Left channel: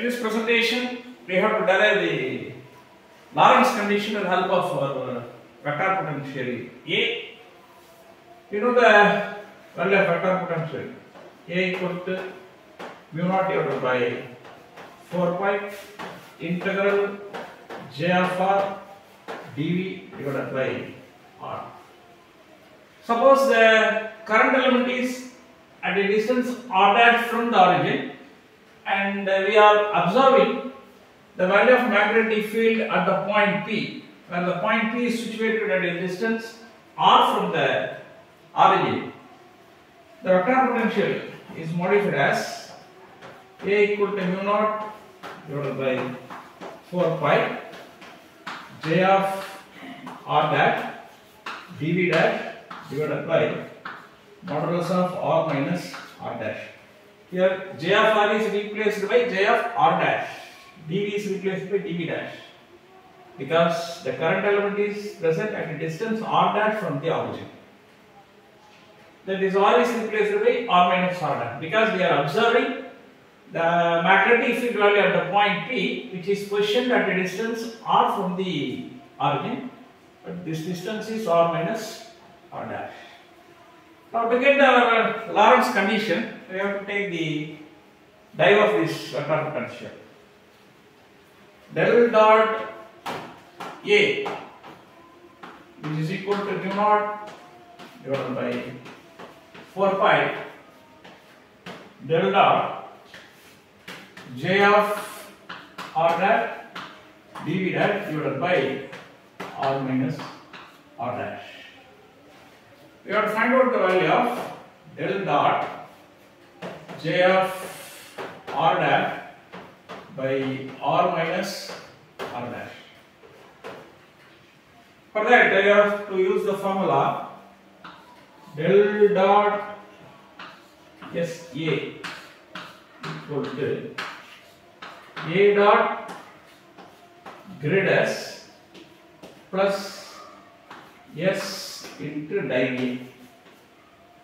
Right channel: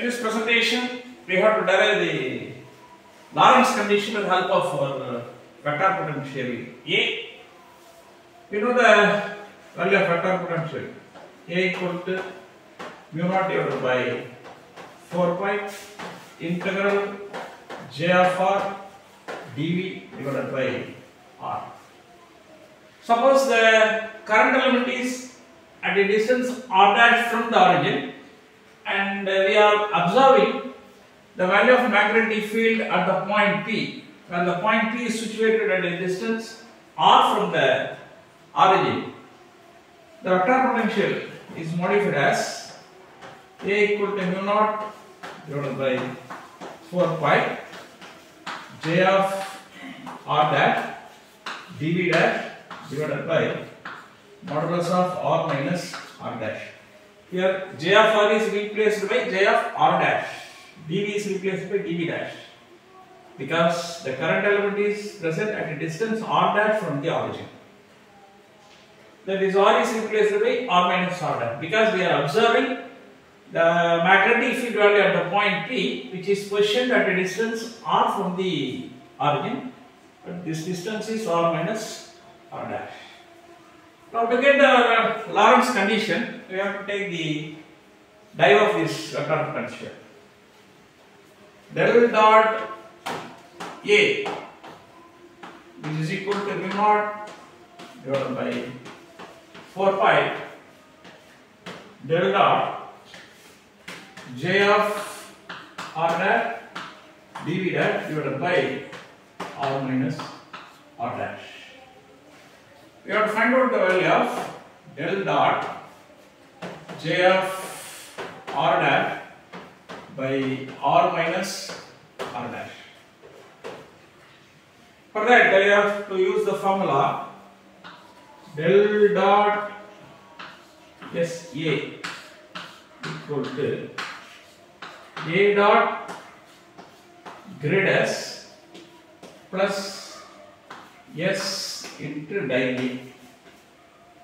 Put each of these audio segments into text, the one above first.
In this presentation, we have to derive the Lorentz condition with the help of our vector potential A. We know the value of vector potential A equal to mu naught divided by 4 pi integral J of R dV divided by R. Suppose the current element is at a distance R dash from the origin, and we are observing the value of magnetic field at the point P, when the point P is situated at a distance R from the origin. The vector potential is modified as A equal to mu naught divided by 4 pi J of R dash dV dash divided by modulus of R minus R dash. Here J of R is replaced by J of R dash, dV is replaced by dV dash, because the current element is present at a distance R dash from the origin. That is, R is replaced by R minus R dash, because we are observing the magnetic field value at the point P, which is positioned at a distance R from the origin, but this distance is R minus R dash. Now to get the Lorentz condition, we have to take the derive of this vector potential. Del dot A, which is equal to mu naught divided by 4 pi del dot J of R dash dV dash divided by R minus R dash. We have to find out the value of del dot J of R dash by R minus R dash. For that, I have to use the formula del dot SA equal to A dot grid S plus S into die A.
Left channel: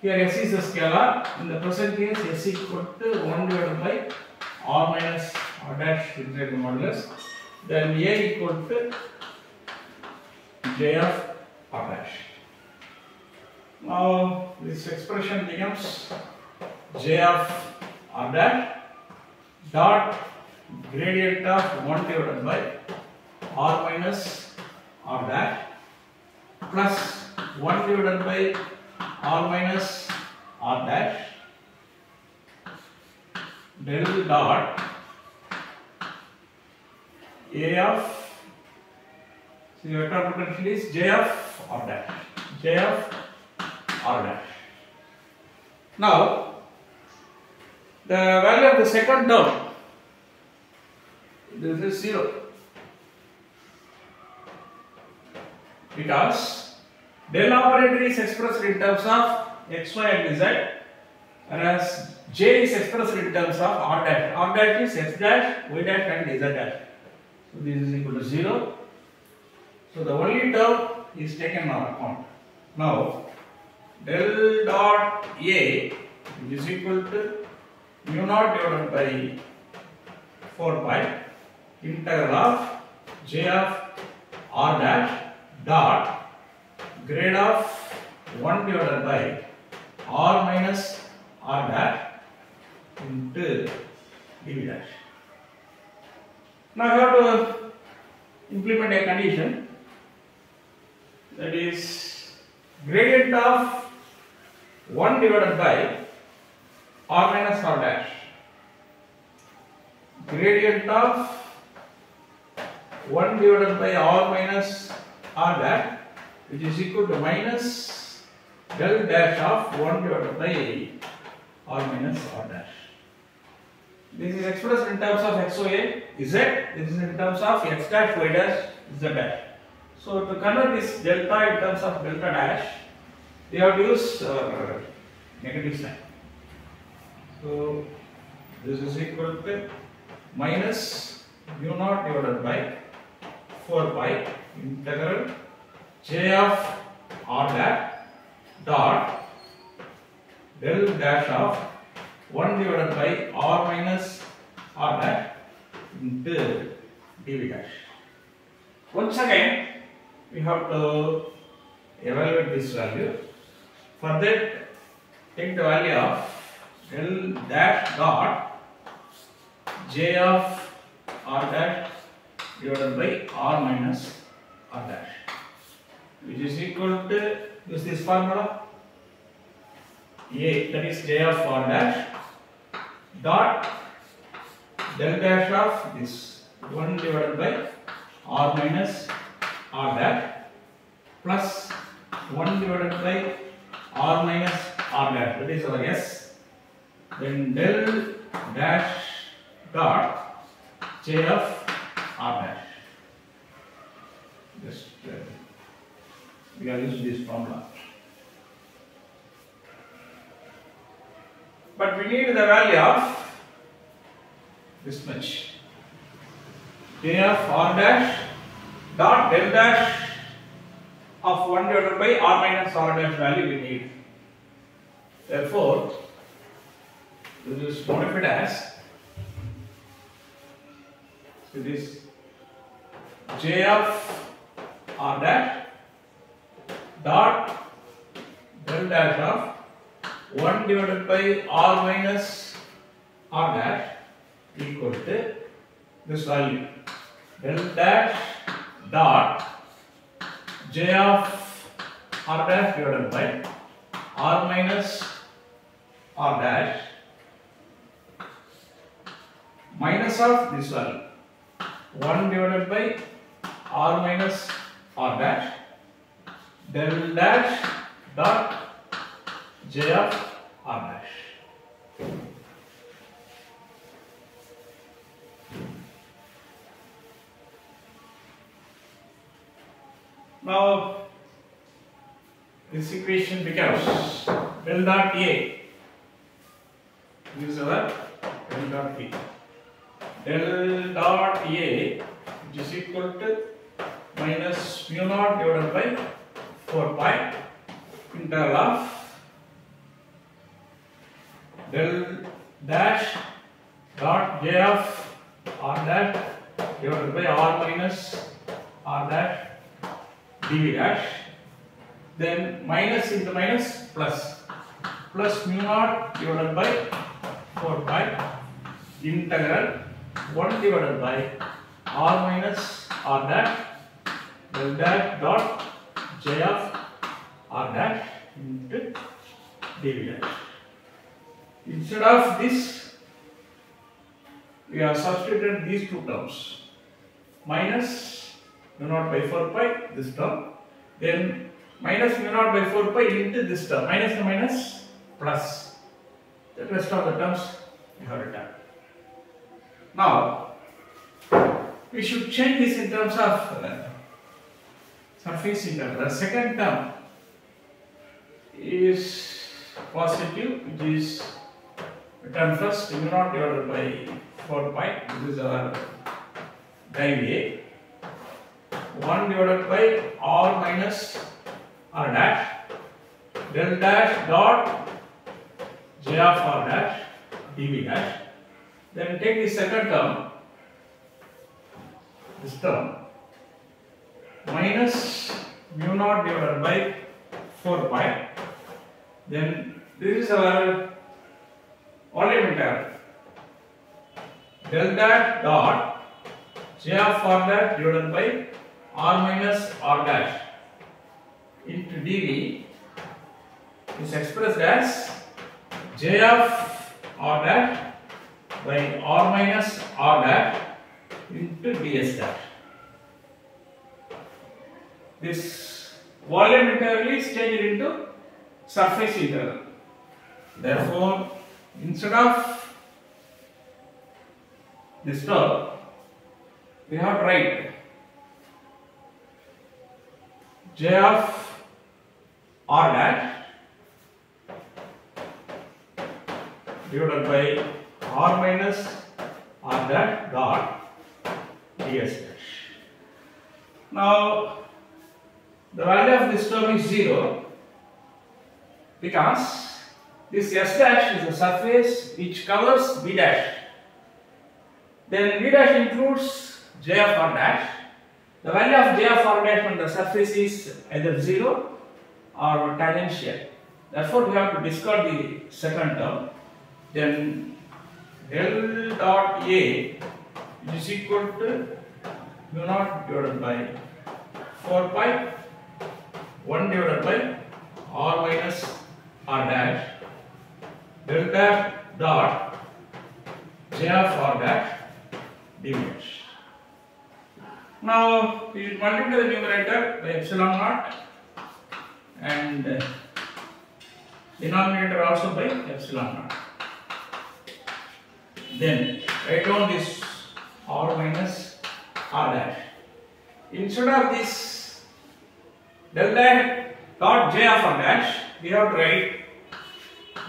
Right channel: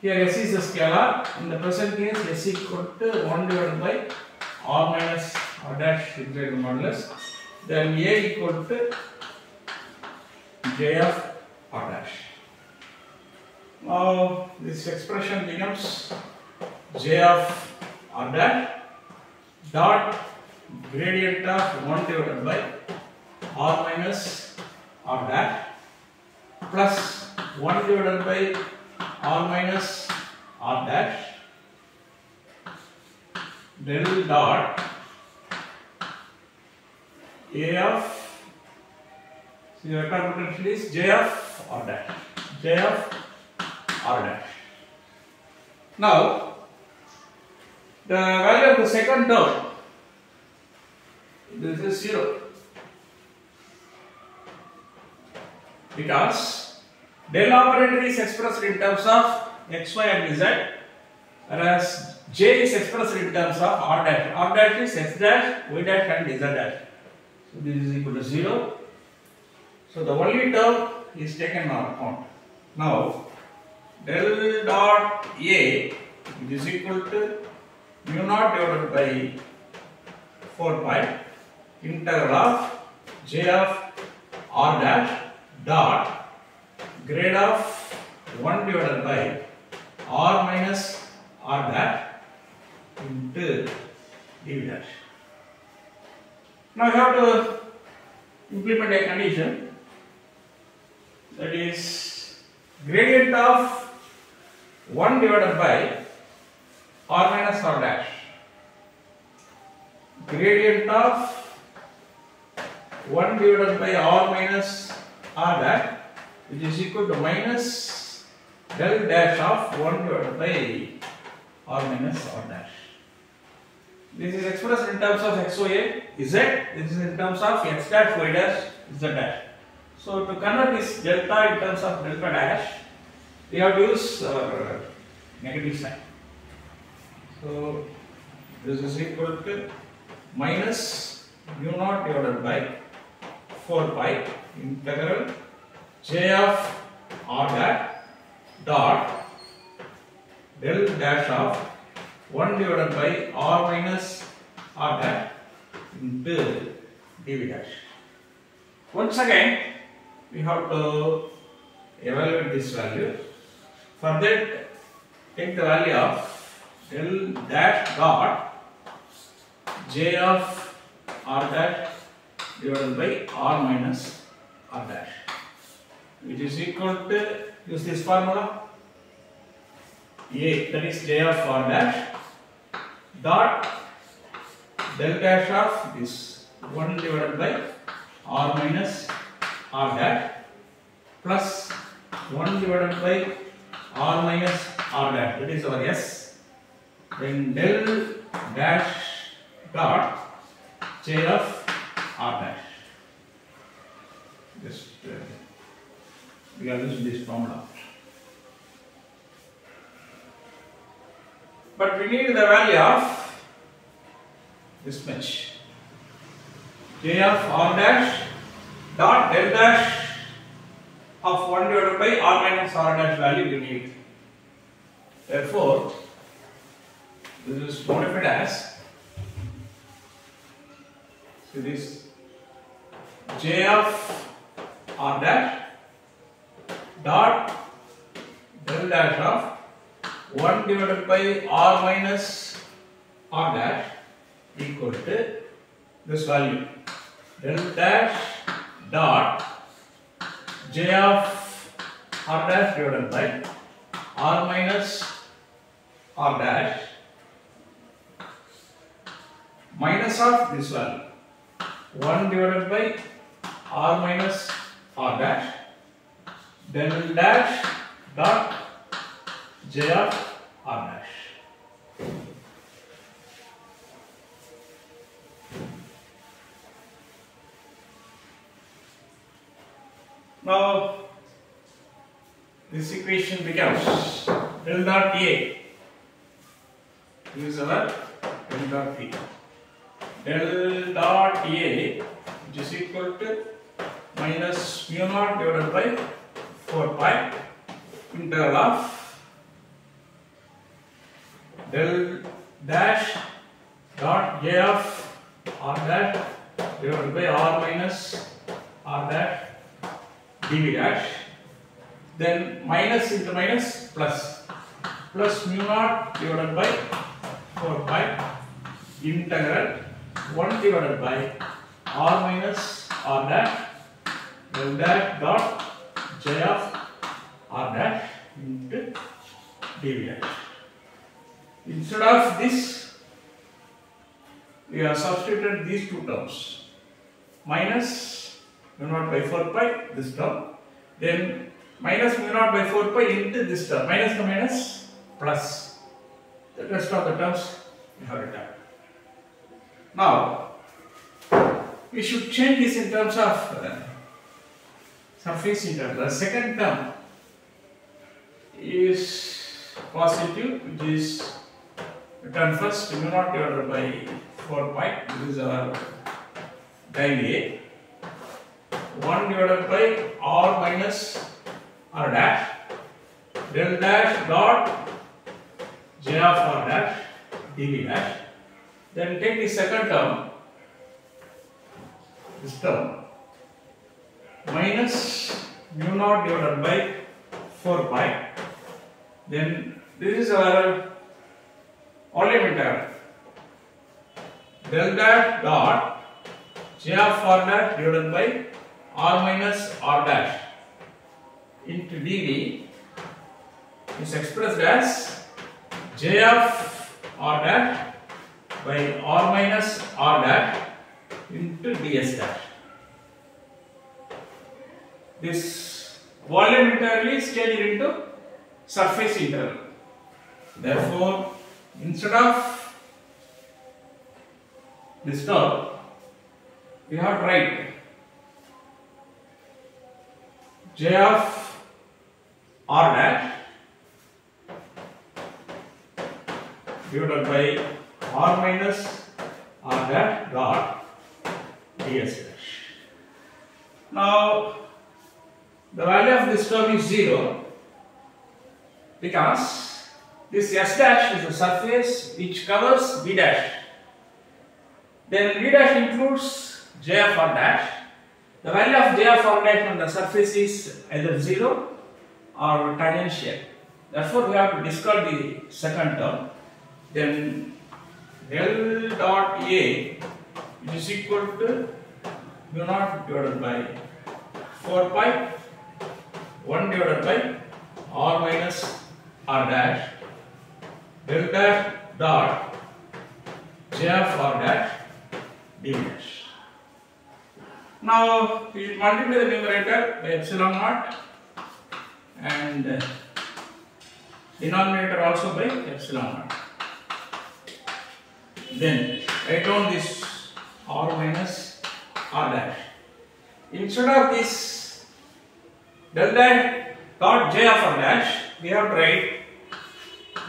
Here S is a scalar. In the present case, S equal to 1 divided by R minus R dash integrated modulus. Then A equal to J of R dash. Now this expression becomes J of R dash dot gradient of 1 divided by R minus R dash plus 1 divided by R minus R dash del dot A of, so the vector potential is J of R dash, J of R dash. Now the value of the second term, this is 0, because del operator is expressed in terms of x, y and z, whereas J is expressed in terms of R dash. R dash is x dash, y dash and z dash. So this is equal to 0. So the only term is taken on account. Now del dot A is equal to mu naught divided by 4 pi integral of J of R dash dot grade of 1 divided by R minus R dash into dV dash. Now I have to implement a condition, that is gradient of 1 divided by R minus R dash, gradient of 1 divided by R minus R dash, which is equal to minus del dash of 1 divided by R minus R dash. This is expressed in terms of x, y, z. This is in terms of x dash, y dash, z dash. So to convert this delta in terms of delta dash, we have to use negative sign. So this is equal to minus mu naught divided by 4 pi integral J of R dash dot del dash of 1 divided by R minus R dash into dv dash. Once again, we have to evaluate this value. For that, take the value of del dash dot j of r dash divided by r minus r dash, which is equal to, use this formula, a, that is j of r dash dot del dash of this 1 divided by r minus r dash plus 1 divided by r minus r dash, that is our s, then del dash dot j of r dash. Just we are using this formula, but we need the value of this much, j of r dash dot del dash of 1 divided by r minus r dash value we need. Therefore, this is modified as, so this j of r dash dot del dash of 1 divided by r minus r dash equal to this value, del dash dot j of r dash divided by r minus r dash minus of this value, 1 divided by r minus r dash del dash dot j of r dash. Now this equation becomes del dot a, this is our del dot b, del dot a which is equal to minus mu naught divided by 4 pi integral of del dash dot j of r dash divided by r minus r dash dv dash, then minus into minus plus, plus mu naught divided by 4 pi integral 1 divided by r minus r dash del dash dot j of r dash into dv dash. Instead of this, we have substituted these two terms, minus mu naught by 4 pi, this term, then minus mu naught by 4 pi into this term, minus to minus plus, the rest of the terms we have written. Now, we should change this in terms of surface integral. The second term is positive, which is written first, mu naught divided by 4 pi, this is our del A, 1 divided by r minus r dash del dash dot j of r dash dv dash. Then take the second term, this term, minus mu naught divided by 4 pi, then this is our volume integral, del dash dot j of r dash divided by r minus r dash into dv is expressed as j of r dash by r minus r dash into ds dash. This volume integral is changed into surface integral. Therefore, instead of this term, we have to write j of r dash divided by r minus r dash dot ds dash. Now, the value of this term is 0 because this s dash is a surface which covers b dash. Then V dash includes J of R dash. The value of J of R dash on the surface is either 0 or tangential. Therefore, we have to discard the second term. Then del dot A is equal to mu naught divided by 4 pi 1 divided by R minus R dash del dash dot J of R dash dv dash. Now we should multiply the numerator by epsilon naught and denominator also by epsilon naught. Then write down this R minus R dash. Instead of this del dash dot J of R dash, we have to write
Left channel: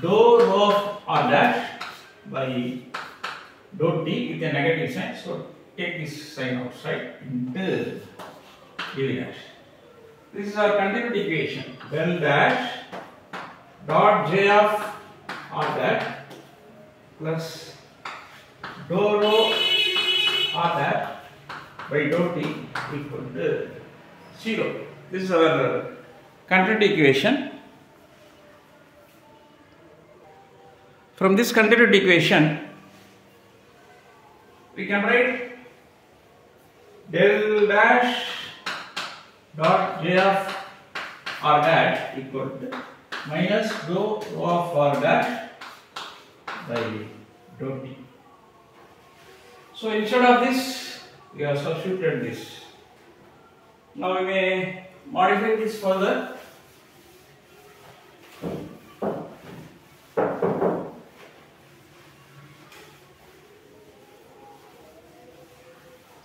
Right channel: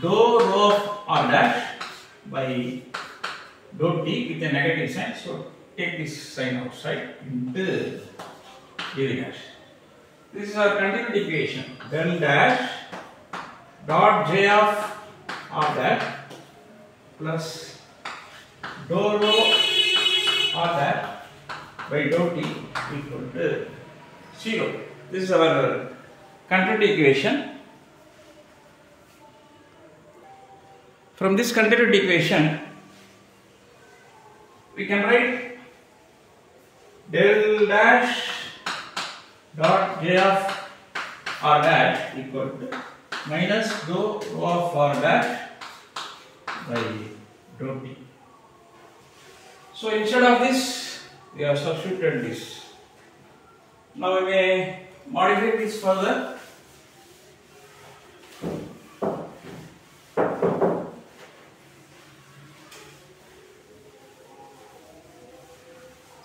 dou rho of R dash by dou t with a negative sign. So take this sign outside into dv dash. This is our continuity equation. Del dash dot J of R dash plus dou rho R dash by dou t equal to 0. This is our continuity equation. From this continuity equation, we can write del dash dot J of R dash equal to minus dou rho of R dash by dou t. So instead of this, we have substituted this. Now we may modify this further.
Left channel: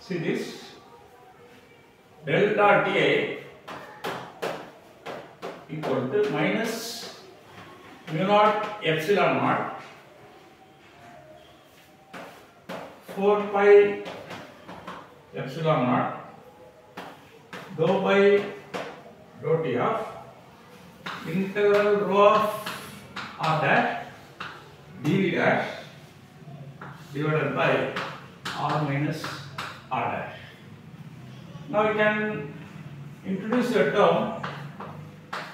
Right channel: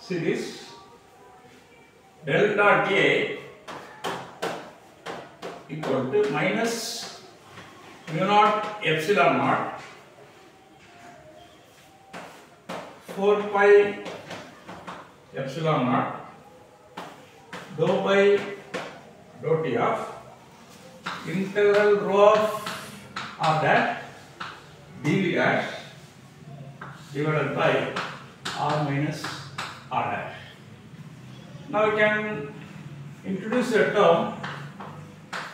See this del dot A equal to minus mu naught epsilon naught 4 pi epsilon naught dou by dou t of integral rho of R dash dv dash divided by R minus R dash. Now we can introduce a term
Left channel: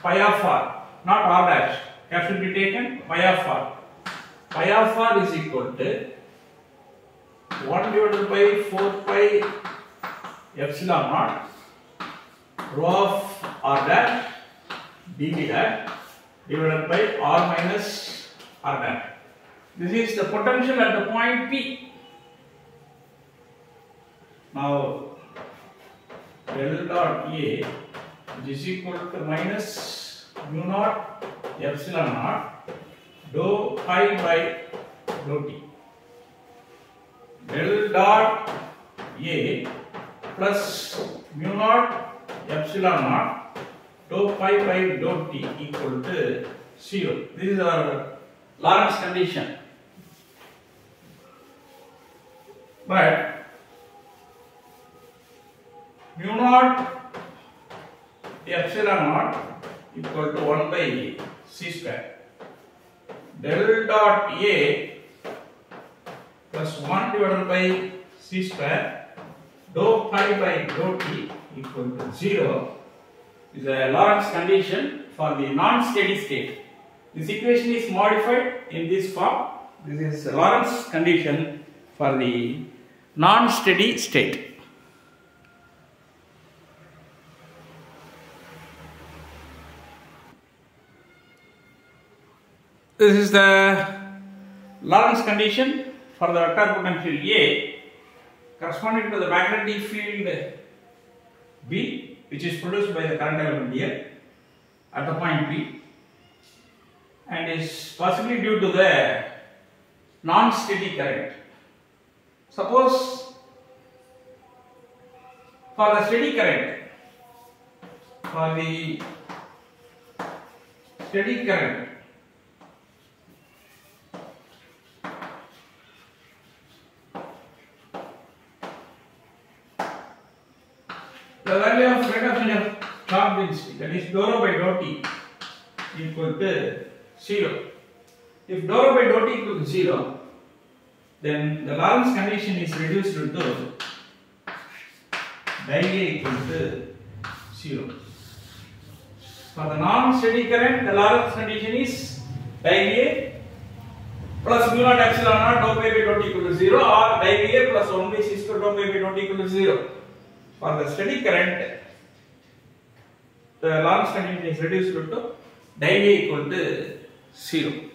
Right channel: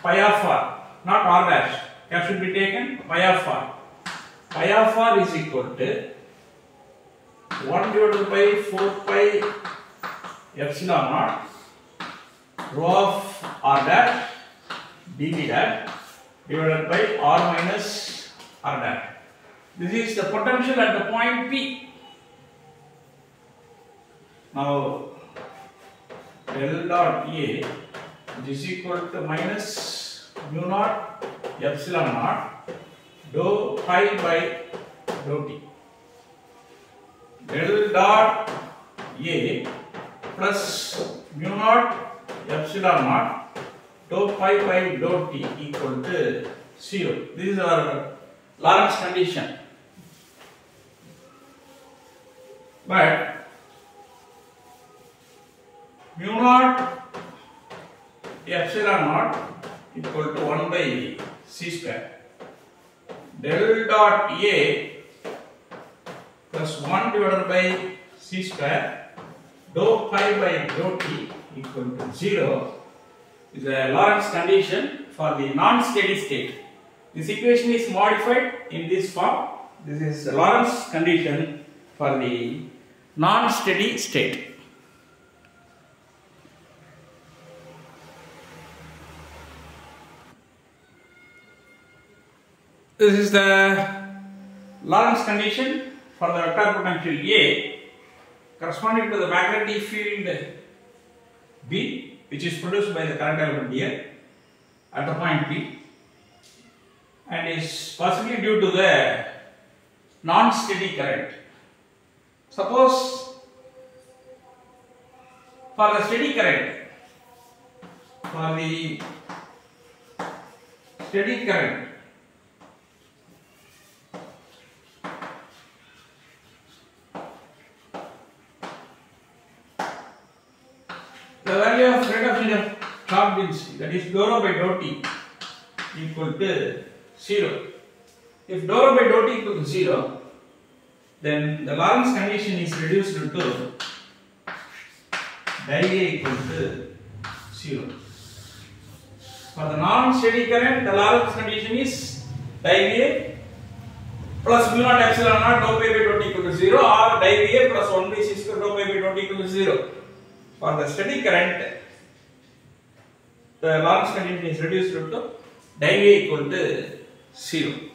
pi of R, not R dash. Care should be taken pi of R. Pi of R is equal to 1 divided by 4 pi epsilon naught rho of R dash dv dash divided by R minus R dash. This is the potential at the point P. Now del dot A is equal to minus mu naught epsilon naught dou pi by dou t. Del dot A plus mu naught epsilon naught dou pi by dou t equal to 0. This is our Lorentz condition. But mu naught epsilon naught equal to 1 by c square. Del dot A plus 1 divided by c square dou pi by dou t equal to 0 is a Lorentz condition for the non-steady state. This equation is modified in this form. This is a Lorentz condition for the non-steady state. This is the Lorentz condition for the vector potential A corresponding to the magnetic field B, which is produced by the current element here at the point P, and is possibly due to the non-steady current. Suppose for the steady current, the value of rate of change of charge density, that is dou rho by dou t, equal to 0. If dou rho by dou t equal to 0, then the Lorentz condition is reduced to di A equal to 0. For the non-steady current, the Lorentz condition is di A plus mu naught epsilon naught dou pi by dou t equal to 0 or di A plus 1 by c square dou pi by dou t equal to 0. For the steady current, the Lorentz condition is reduced to di A equal to 0.